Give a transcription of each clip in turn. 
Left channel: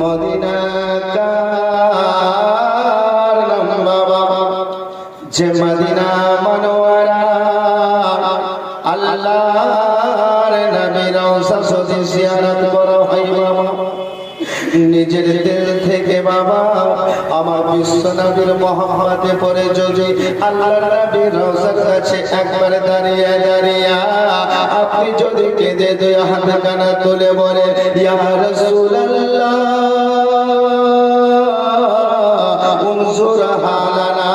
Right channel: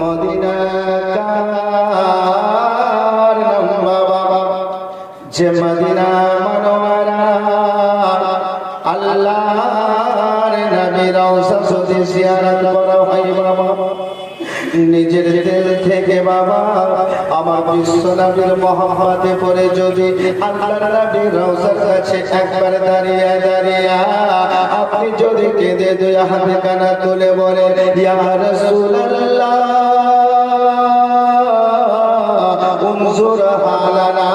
Medina কার নাম বাবা যে মদিনা মনোয়ারা আল্লাহর নবী রওজা যদি জিয়ারত করা হয় বাবা নিজের দিল থেকে বাবা আমার বিশ্ব নবীর মহব্বতে পড়ে যদি আল্লাহর নবীর রওজার কাছে একবার দাঁড়িয়ে দাঁড়িয়ে আপনি যদি কেঁদে দুই হাত কানা তুলে বলে ইয়া রাসূলুল্লাহ উনজুর হালানা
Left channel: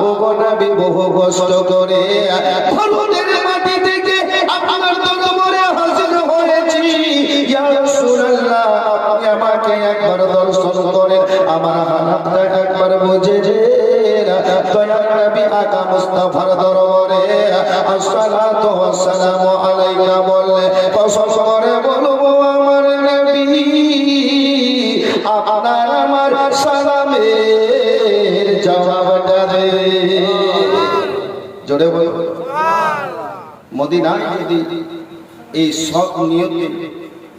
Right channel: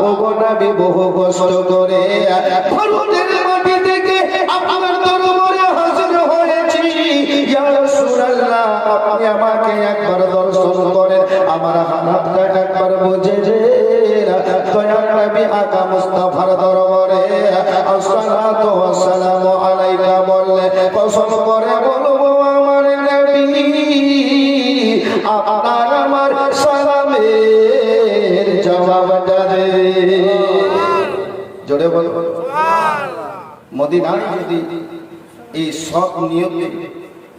ও নবী বহু কষ্ট করে ভারতের মাটি থেকে আপনার দরবারে হাজির হয়েছি ইয়া রাসূলুল্লাহ আপনি আমাকে একবার দর্শন করেন আমার হাতটা একবার বুঝে যে দয়ার নবী আকা মুস্তাফার দরবারে আসসালাতু ওয়াসসালামু আলাইকা বললে কসম করে বলবো আমার নবী আপনার আমার সালামের জবাবটা দে জোরে বল মদিনায় যদি এই সব নিয়তে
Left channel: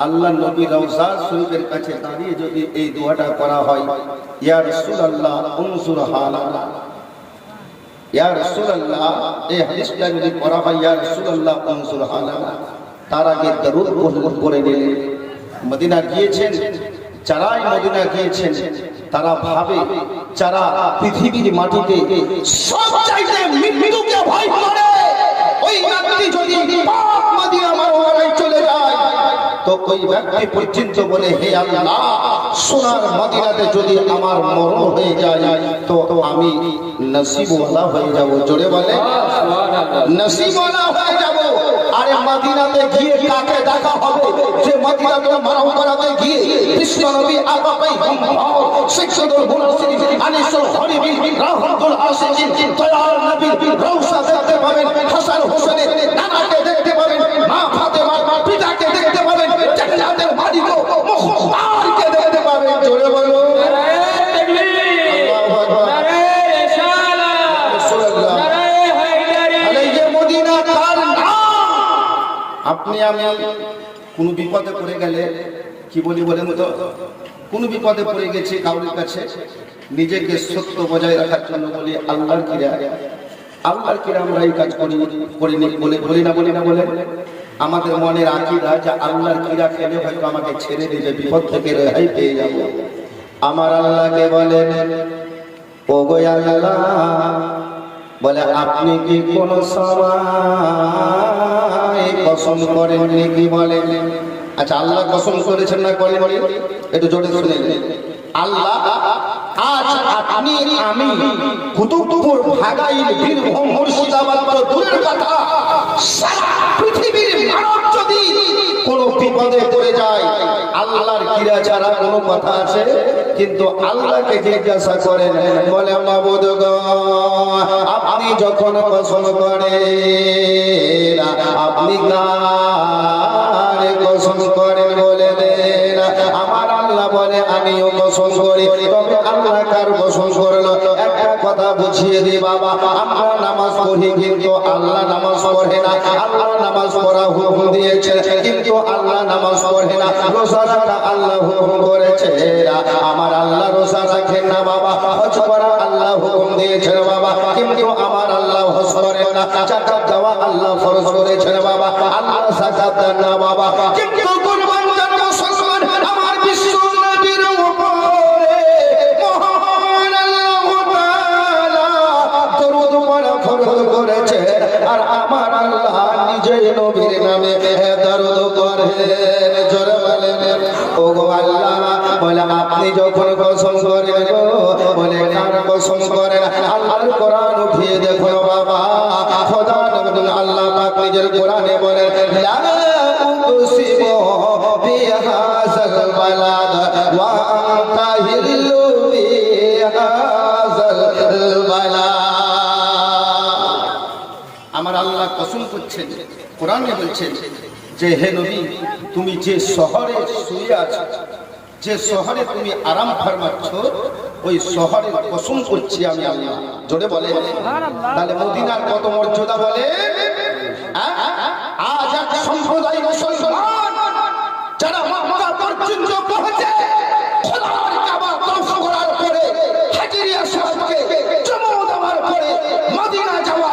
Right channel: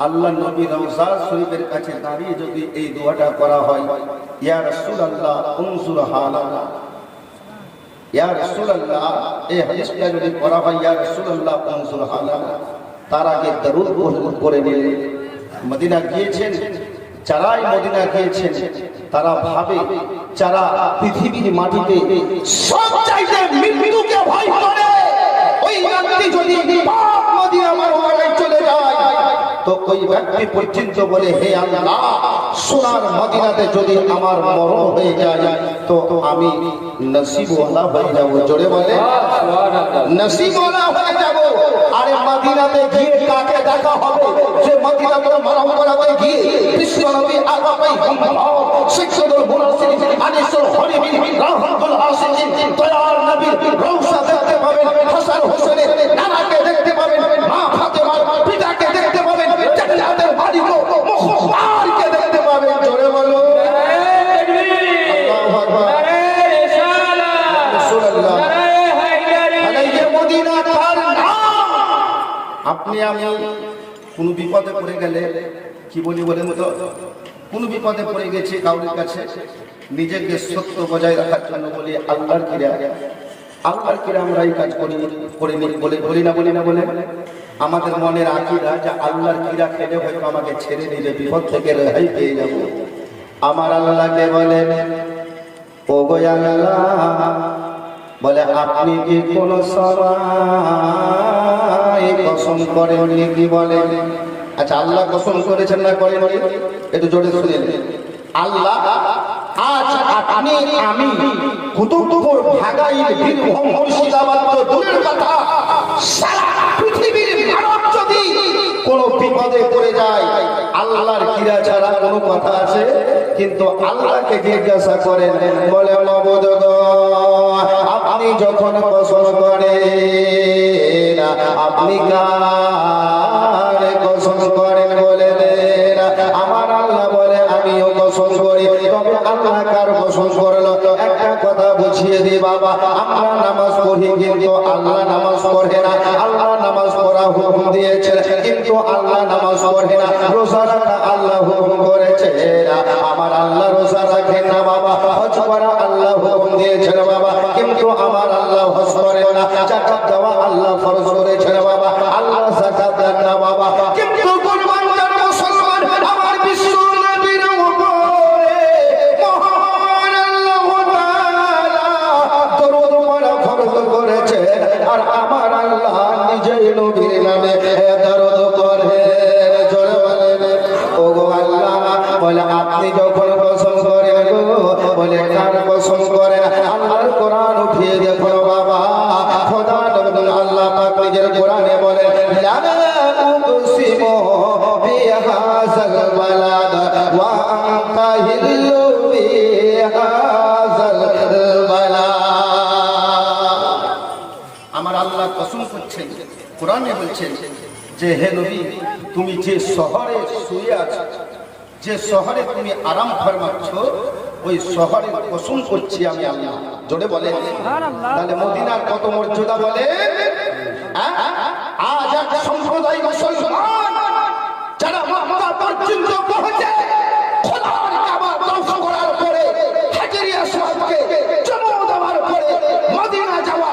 আল্লাহ নবী রওজা শরীফের কাছে দাঁড়িয়ে যদি এই দোয়াটা করা হয় ইয়া রাসূলুল্লাহ উনজুর হালানা ইয়া রাসূলুল্লাহ এই হাদিসটা যদি পড়া হয় ইয়া রাসূলুল্লাহ উনজুর হালানা তার আগে দরুদ পড়ে নিলে মদিনা গিয়েছেন যারাই মদিনা গিয়েছেন তারা ভাবে যারা পৃথিবীর মাটিতে সব চাইতে মৃত্যুকে ভয় করে ওই ব্যক্তি যদি পাক মদিনা মনোয়ারায় চলে যায় তো ওই ব্যক্তি পর্যন্ত বলে হে আল্লাহ সোনার মদিনাতে যদি আমার মরণ হয়ে যায় তো আমি নসিবওয়ালা হয়ে যাব জোরে বলে নসিবওয়ালা হয়ে যাব আরে মদিনাতে গিয়ে কাকে দেখা হবে যে মদিনাতে মরণ করাতে গিয়ে কৃষ্ণ নবী আগামী শিক্ষুল মুনাসিব আনিসুল হরিবি রাহমাতুল আসিন দয়াল নবী রওজা দেখতে পাবেন হাসান হোসেনের নামাকে দেখতে পাবেন মা ফাতেমার পিতাকে দেখতে পাবেন জান্নাতের মালিক মুখতারকে দেখতে পাবেন জোরে বলো তাকবীর আল্লাহু আকবার রিসালাত রাসূলুল্লাহ আলাইহি মদিনা তার নাম আপনি আমি কোন বিপদে পড়ে গেলে কি বলি বলেন তো কোন বিপদে পড়ে গেছে কাউরির কাছে নিজেকে সত্য বজায় রাখার জন্য বলি আল্লাহর কিরা আমরা এই কাজ করিনি বলি না বলে আমাদের মনের আকীদা যে আল্লাহর কিরা খেলে হয়তো আমাকে ছেড়ে দিলে বিপদ থেকে রেহাই পেয়ে যাব আমার আল্লাহকে বলেন ও গো আল্লাহ বলে আপনি কি কোন সময় কসম করেননি কি বলেন আচ্ছা আল্লাহ কসম করেছেন না করেন একটু জোরে শুনে আল্লাহ আজ আপনি আমি কুতুবপুর ভাগাইল বীরভূম মুর্শিদাবাদ তো দূরের কথা সারা পৃথিবীর মানব যদি কোন বিপদে পড়ে যায় আল্লাহর কিরা ছাড়া কোনো কথা আছে কিন্তু আল্লাহকে জিজ্ঞাসা করেন বলে মাবুদ গো আপনি যখন কসম করেন আপনি কার কসম করেন বলে দেন আমার আল্লাহ বলে আমিও কসম করি তবে আল্লাহ কার কসম করলো একটা কথা বুঝিয়ে দি বাবা আমরা নামাজ পড়ি কিন্তু আল্লাহ নামাজ পড়ে না আল্লাহ নামাজ পড়া হুকুম দিয়েছে কিন্তু আল্লাহ নামাজ পড়ে না রোজা রাখা আল্লাহ হুকুম করেছে আমার আল্লাহ রোজা রাখেন না বাবা হজ করা আল্লাহ হুকুম দিয়েছে বাবা কিন্তু আমার আল্লাহ হজ করেন না যাকাত দেওয়া আল্লাহ ফরজ করেছে বাবা আল্লাহ যাকাত দেন না বাবা কিন্তু কুরবান দেন মুসলমান আমার বিশ্ব নবীর উপরে মহান আল্লাহ তাআলা দরুদ পড়া ফরজ করেছে আর আমার আল্লাহ নিজের নবীর নামে দরুদ করে জোরে বলেন ও গো আল্লাহ বলে আপনি যখন কসম করেন গো বলে কার কসম করেন আল্লাহর কোরআন উঠিয়ে দেখো বাবা খোদা নবী আল্লাহ পাক নিজের কোরআনে বলেন লা উকসিমু বিহাযাল বালাদ ওয়া আনতা হিল্লু বিহাযাল বালাদ আমার আল্লাহ কসম করছেন কোরআনে বলছেন যে হে নবী তুমি যে শহরে শুয়ে আছো যে শহরে তুমি আরাম ফরমাচ্ছ ওই শহরের কসম করছি আমি আল্লাহ জোরে বলে তাহলে মদিনার কত মর্যাদা বলে আজ এক সম্প্রদায় মুসলমান যারা মক্কা পর্যন্ত পৌঁছে খোদার কাবা তওফ করার পরে হাজরি আসওয়াদকে চুমু দেওয়ার পরে মদিনা যাওয়া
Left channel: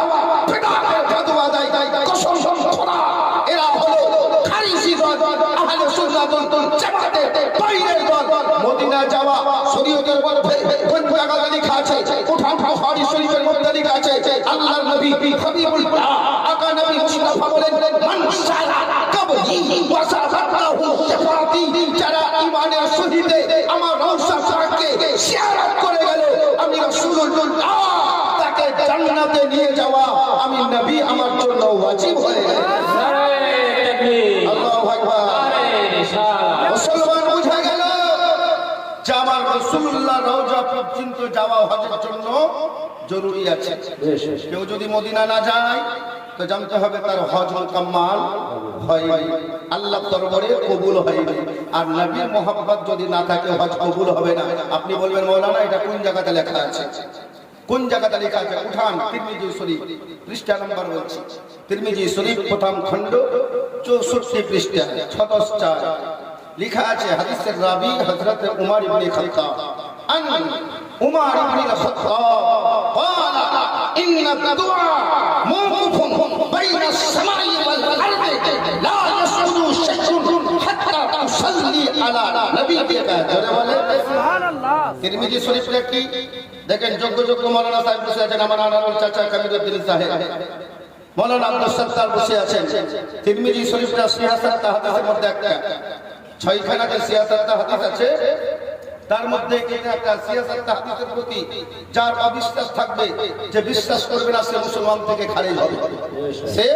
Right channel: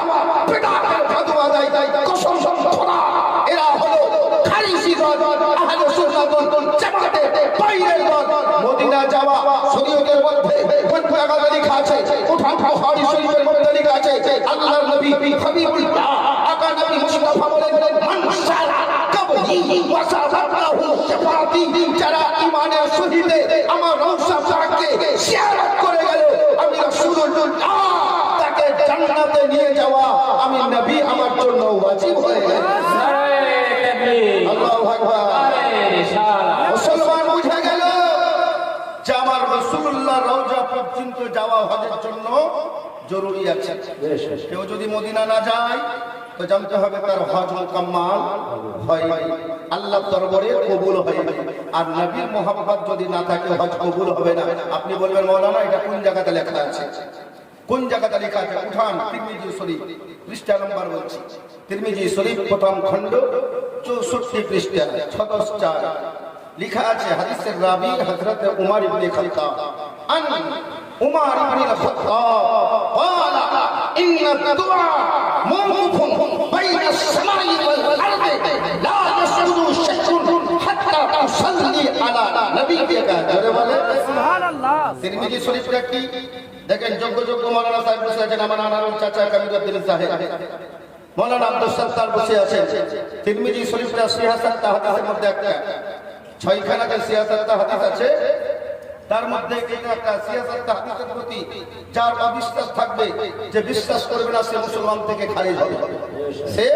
বিদআতের ফতোয়া দেয় কসম খোদা এরা হলো খারিজি দল আহলে সুন্নাত ওয়াল জামাতের বাইরের দল মদিনা যাওয়া শরীয়তের মধ্যে কোন জায়গায় লেখা আছে উঠান বুখারী শরীফের মধ্যে লেখা আছে আল্লাহর নবী হাবিবুল্লাহ আকা নবী মুস্তাফা বলেন মান সারা কবহি ওয়াসাফাতাহু শাফাতি যারা ঈমানের সহিতে আমার রওজা পাককে জিয়ারত করে গেল আমি রাসূলুল্লাহ তাকে জান্নাতে নিয়ে যাওয়া আমি নবী আমার জন্য ওয়াজিব হয়ে গেল। আল্লাহু আকবার। মুসলমান বুঝে গেল যে আমার রাসূলুল্লাহ রওজা পর্যন্ত যাওয়া হজের জন্য জরুরি আছে। কেউ যদি মদিনা না যায় তো জানতে হবে তার হজ মুকাম্মাল হয়নি, আল্লাহর দরবারে কবুল হয়নি। আর নবীর মোহাব্বত যদি না থাকে হজ কবুল হবে না। আপনি বলবেন মৌলানা এটা কোন জায়গাতে লেখা আছে? কোন জায়গাতে লেখা আছে? উঠান তিরমিজি শরীফ পৃষ্ঠা নাম্বার বলছি, তিরমিজি শরীফ প্রথম খণ্ড 64 পৃষ্ঠা 6-4 লেখা আছে হাদিসের রাবি হযরত উমর ইবনে খাত্তাব আন উমর ইবনে খাত্তাব قال ان الدعاء موقوف بين السماء والارض لا يسجد شيء حتى تصلي على نبيك সুবহানাল্লাহ। তিরমিজি শরীফটা কি দেখেন, যোগ্য মাওলানা সাহেব বসে আছেন, আমার আনার চাচা কামিলউদ্দিন সাহেব, মাওলানা আব্দুল সত্তার বসে আছেন। তিরমিজি শরীফটা সিয়াসাত হাদিসের মধ্যে একটা 6খানা সিয়াসাত হাদিস আছে, তার মধ্যে এটা একটা সিয়াসাত হাদিসের প্রতি যার অবিশ্বাস থাকবে, যে বিশ্বাস করবে না সে মুসলমান থেকে খারিজ হবে, সে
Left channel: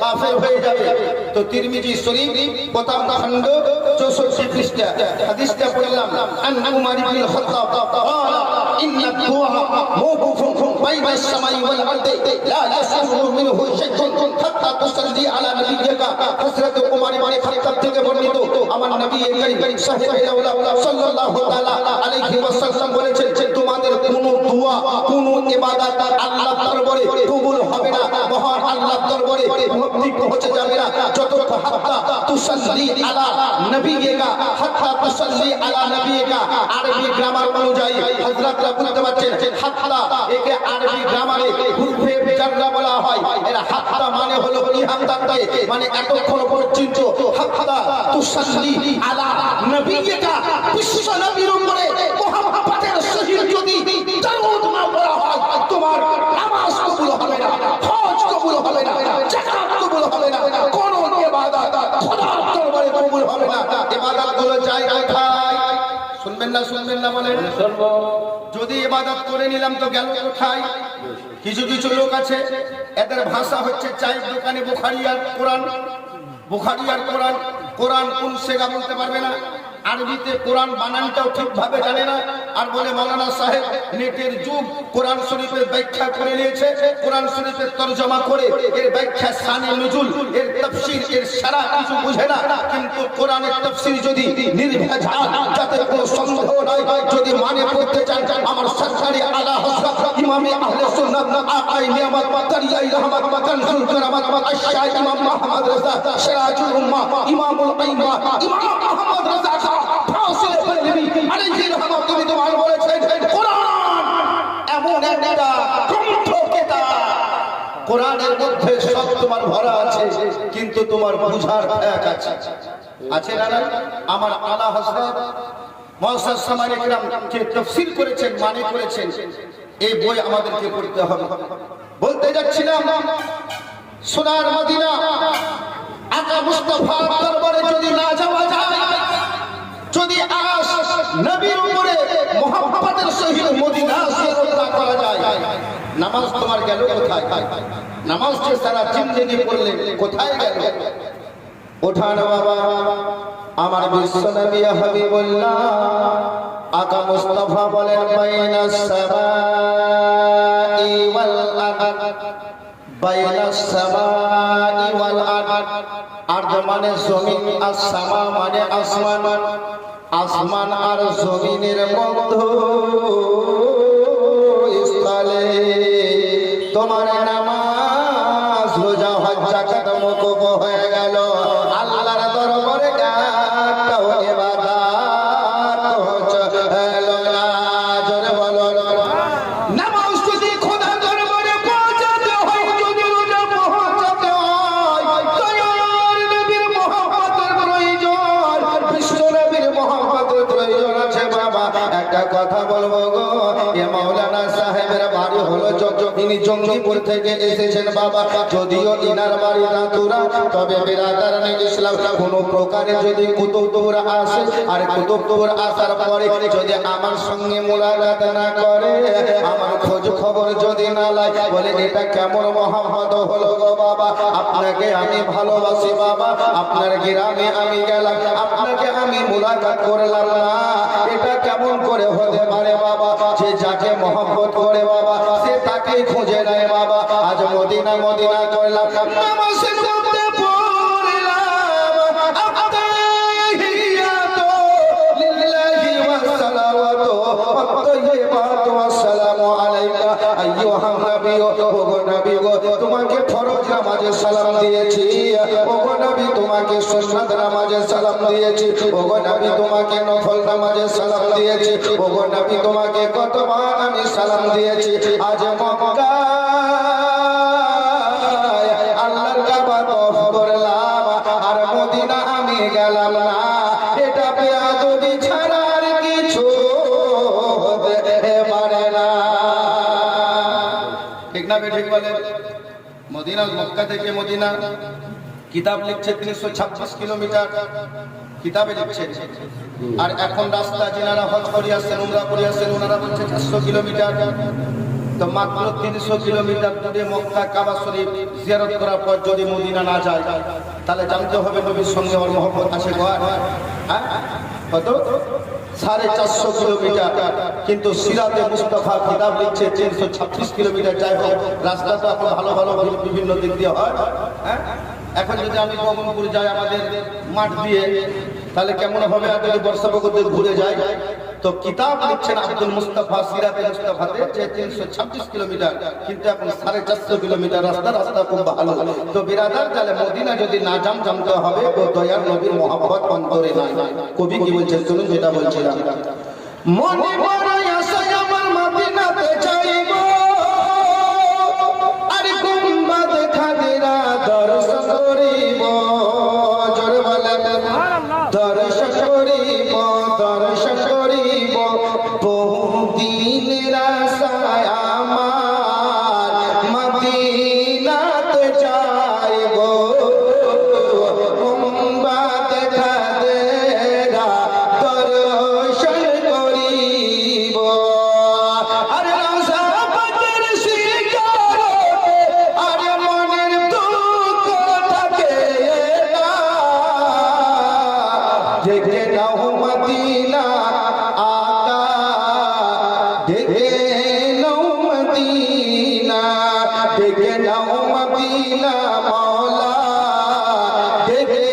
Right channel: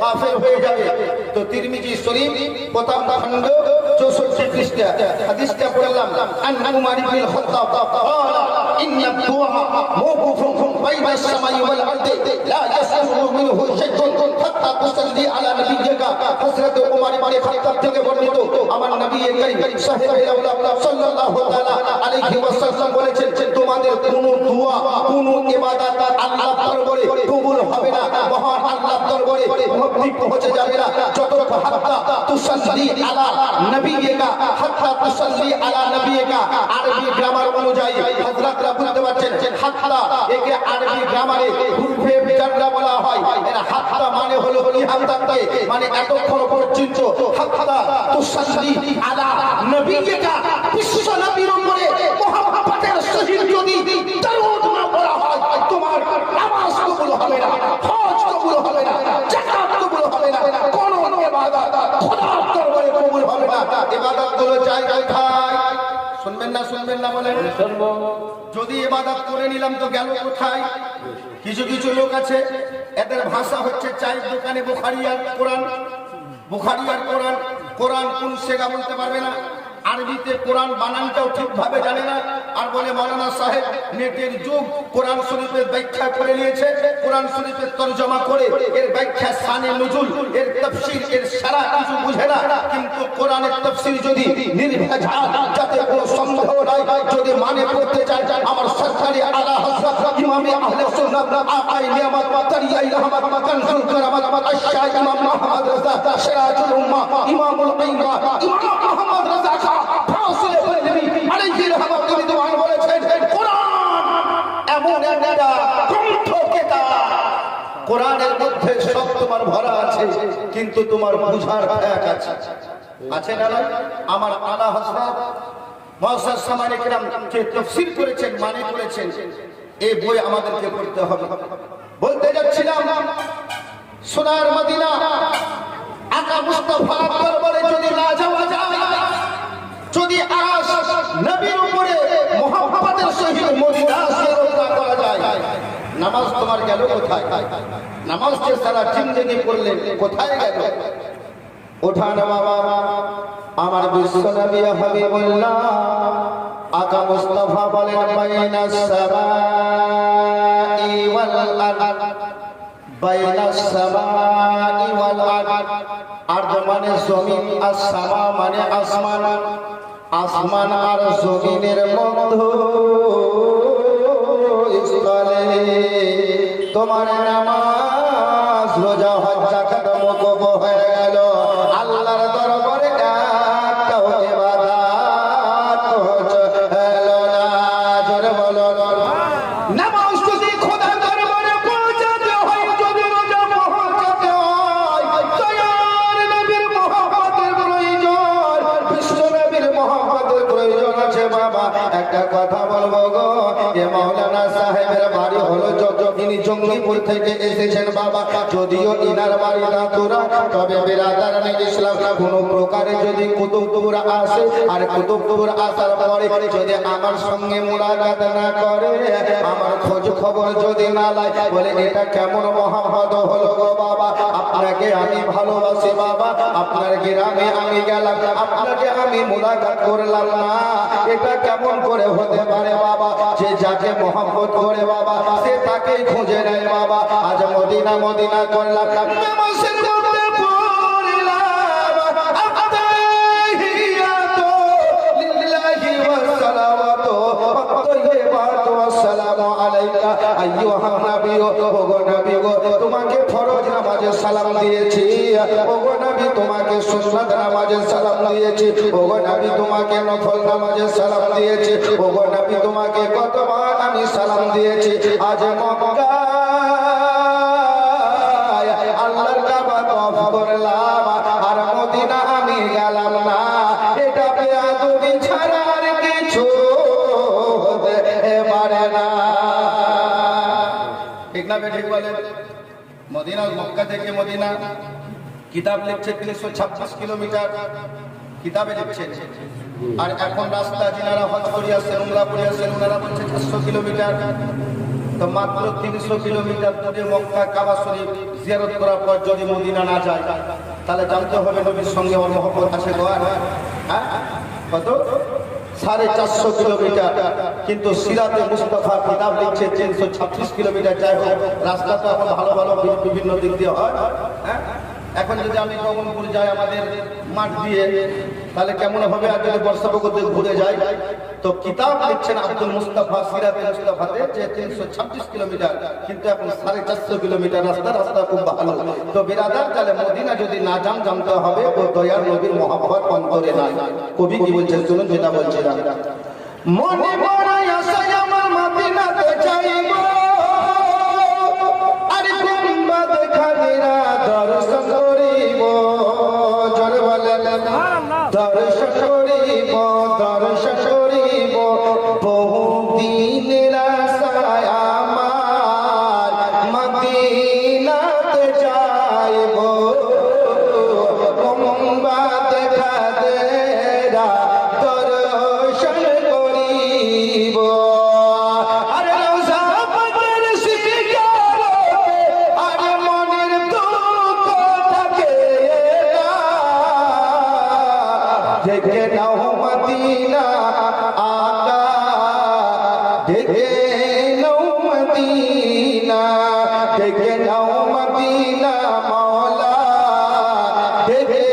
কাফের হয়ে যাবে। তো তিরমিজি শরীফ প্রথম খণ্ড 64 পৃষ্ঠা হাদিসটা পড়লাম, আন উমর ইবনে খাত্তাব قال ان الدعاء موقوف بين السماء والارض لا يسمع منه شيء حتى تصلي على نبيك। হযরত উমর ইবনে খাত্তাব থেকে বর্ণিত আমার নবী করিম সাল্লাল্লাহু আলাইহি ওয়াসাল্লাম বলেছেন যে তোমাদের কোনো দোয়া কোনো ইবাদত আল্লাহর দরবারে কবুল হবে না, মহান আল্লাহর দরবারে মুক্তি পৌঁছে যাবে না যতক্ষণ হাত্তা তুসাল্লি আলা নবিয়িকা, হাত্তা তুসাল্লি আলা নবিয়িকা। আরবি গ্রামার অনুযায়ী হযরতরা বুঝতে পারছেন হাত্তা একে আরবি গ্রামারে হুরফে জাররা বলা হয়। এর হাত্তা মানে হলো কি হাত্তাতে মানে এতক্ষণ পর্যন্ত, হাত্তা তুসাল্লি আলা নবিয়িকা বিশ্ব নবীর উপরে মুহাম্মদের সহিত যদি দরুদ না পড়া হয় তোমার নামাজ কবুল হবে না, হজ কবুল হবে না, যাকাত কবুল হবে না, কোন ইবাদত খোদার দরবারে কবুল হবে না। ইবাদত গুলো চাই কোথায়? শুনবেন না বলেন শুনবো। যদি ইবাদত করে নিলাম তো গেল কোথায়? কিছু লোক আছে এদের ভাষা হচ্ছে চায়ের দোকানে বুখারী আর কোরআন, বুখারী আর কোরআন, কোরআন কোন সেগা বলতে পারবে না, আরবিতে কোরআন বানানটাও ঠিকভাবে জানে না, আর বলে মাওলানা সাহেব নেটের যুগ, কোরআন শরীফের ব্যাখ্যা করে নিয়েছে, কোরআন শরীফের তরজমা করে এর ব্যাখ্যা শানে নুজুল এর তাফসীর এর সারা কিছু বুঝে না। কিন্তু কোরআনের তাফসীর যদি নির্ভেজাল যাতে কোনো সন্দেহ নাই, যদি মানে পড়তে চান আমার সরকারি আলা হযরত ইমামে আহলে সুন্নাত আকাই নিয়ামত তারিয়াই রহমত কানজুল কারামাত আশ-শাহ ইমাম মুহাম্মদ রাজা সিরাজুল উম্মাহ ইমামুল আইম্মা ইমাম মুহাম্মদ রাজা কোরআনের মধ্যে সব তোমার ভরা আছে, কিন্তু তোমার বুঝার ত্যাগ আছে না? আমার আলা হযরত মুআজ্জাজ সামানে কিরাম কে তাফসীর করেছেন, মানে করেছেন, এই বই আমাদেরকে পড়তে হবে। বলতে যাচ্ছিলাম সোনার মদিনা আকা মুস্তাফার দরবারে যদি না যাওয়া যায়, যদি আকাশ নবীর উপরে মুহাম্মদের সহিত মদিনা সিয়ারত করা যায়, নামাজ তোমার গেল কোথায়? নামাজ যে সারা জিন্দেগি পড়লেন কোথায় গেল? ওঠান বাবা, আমার বিশ্ব নবী হাবিবুল্লাহ আকা মুস্তাফা বলেন বাইনাস সামাই ওয়াল আরদ, বাইনাস সামাই ওয়াল আরদ। আরদ মানে জমিন, আর সামা মানে আসমান, আসমান আর জমিনের মধ্যস্থলে তোমার নামাজ রোজা হজ যাকাত মওকুফ হয়ে গেল। আল্লাহর দরবারে একটাও ইবাদত জঙ্গিপুর থেকে এসেছেন বাবা, যদিও ইনার বাড়ি নাতুরা, তবে বেরাদারানে ইসলাম কোনো প্রকারে যদি কুতুবপুর আসে আর কুতুবপুর আসার পরে যদি আমার সঙ্গে মোলাকাত না করে, আমার খোঁজ খবর যদি না লাগে, বলে এটা কেমন মহাহদ হলো গো বাবা, আপনাকে আমি ভালোবাসি বাবা, আপনার গ্রামে আমি গেলাম, আপনাকে আমি মোলাকাত করলাম না, এটা কেমন করে হতে পারে বাবা, যে যাকে মহব্বত করে বাবা সে তাকেই খুঁজে নেয় বাবা। আজ মদিনা মদিনা করলাম, নামাজের মধ্যে পড়লাম আত্তাহিয়াতু লিল্লাহি ওয়া সালাওয়াতু আত-তাইয়্যিবাতু আসসালামু আলাইকা আইয়ুহান নবী, ওগো নবী গো তোমাকে ফরজ নামাজে সালাম দিয়েছি, ওগো নবী তোমাকে সুন্নাত নামাজে সালাম দিয়েছি, ওগো নবী তোমাকে নফল নামাজে সালাম দিয়েছি, ওগো নবী তোমাকে কতবার আমি সালাম দিয়েছি। আজ মক্কায় আল্লাহর কাবা তওয়াফ করলাম আর মদিনা আমি গেলাম না, এটা বেয়াদবি ছাড়া আর কিছু হতে পারে না। ঠিক না বেঠিক বলেন? মদিনা, মক্কা থেকে মদিনা কিতাব লিখছে 326 কিলোমিটার কিতাবে লিখছে, আর এখন রাস্তা যিনারা হজ করে আসছেন, উমরা করে আসছেন, ওনারা বলছে 400 কিলোমিটার। তো মাত্র 300 কিলোমিটার দূরে মক্কা কাবা শরীফ জিয়ারত করার পর যদি মদিনা না যায়, তাহলে জানতে হবে নবীর সঙ্গে আমার মহব্বত আছে। হ্যাঁ, কত? 450 কিলোমিটার। কিন্তু সিরাতে মুস্তাফা কিতাব লিখছে 326 কিলোমিটার। যাই হোক, রাস্তা তো এখন ভালো ভালো বিভিন্ন দিক দিয়ে হয়। হ্যাঁ, এখন যদি আমি কমলপুর যাই আমাদের মাঠ দিয়ে, তাহলে কেমন হবে? আর যদি বর্ষাপকতে ঘুরে যায়, তো কিতাব লিখছেন আব্দুল মুস্তাফা সিরাতে মুস্তাফাতে যে 326 কিলোমিটার, কিন্তু এখন 450 কিলোমিটার রাস্তা। রাস্তা খুব ভালো। তো বিরাদার, তাহলে মদিনা যদি না যান, জানতে হবে ও দয়ার নবীর মহব্বত অন্তরে নাই। কবি কি বলছেন শুনুন, যেটা বলছিলাম, মনে বড় আশা আমার মদিনাতে যাইব, আরে গুম্বাদ খাদিরা দর্শন করিব, জোরে বলেন দর্শন করিব, দর্শন করিব, বহুদিনের আশায় আমার মদিনাতে যাইব, গুম্বাদ খাদিরা দর্শন করিব। আরে রোজা পাকের শিকারকে আরে মনের দুঃখ থাকে না, দেখে নাও মদিনা আকা, দেখে নাও মদিনা, দেখে নাও মদিনা মওলা, দেখে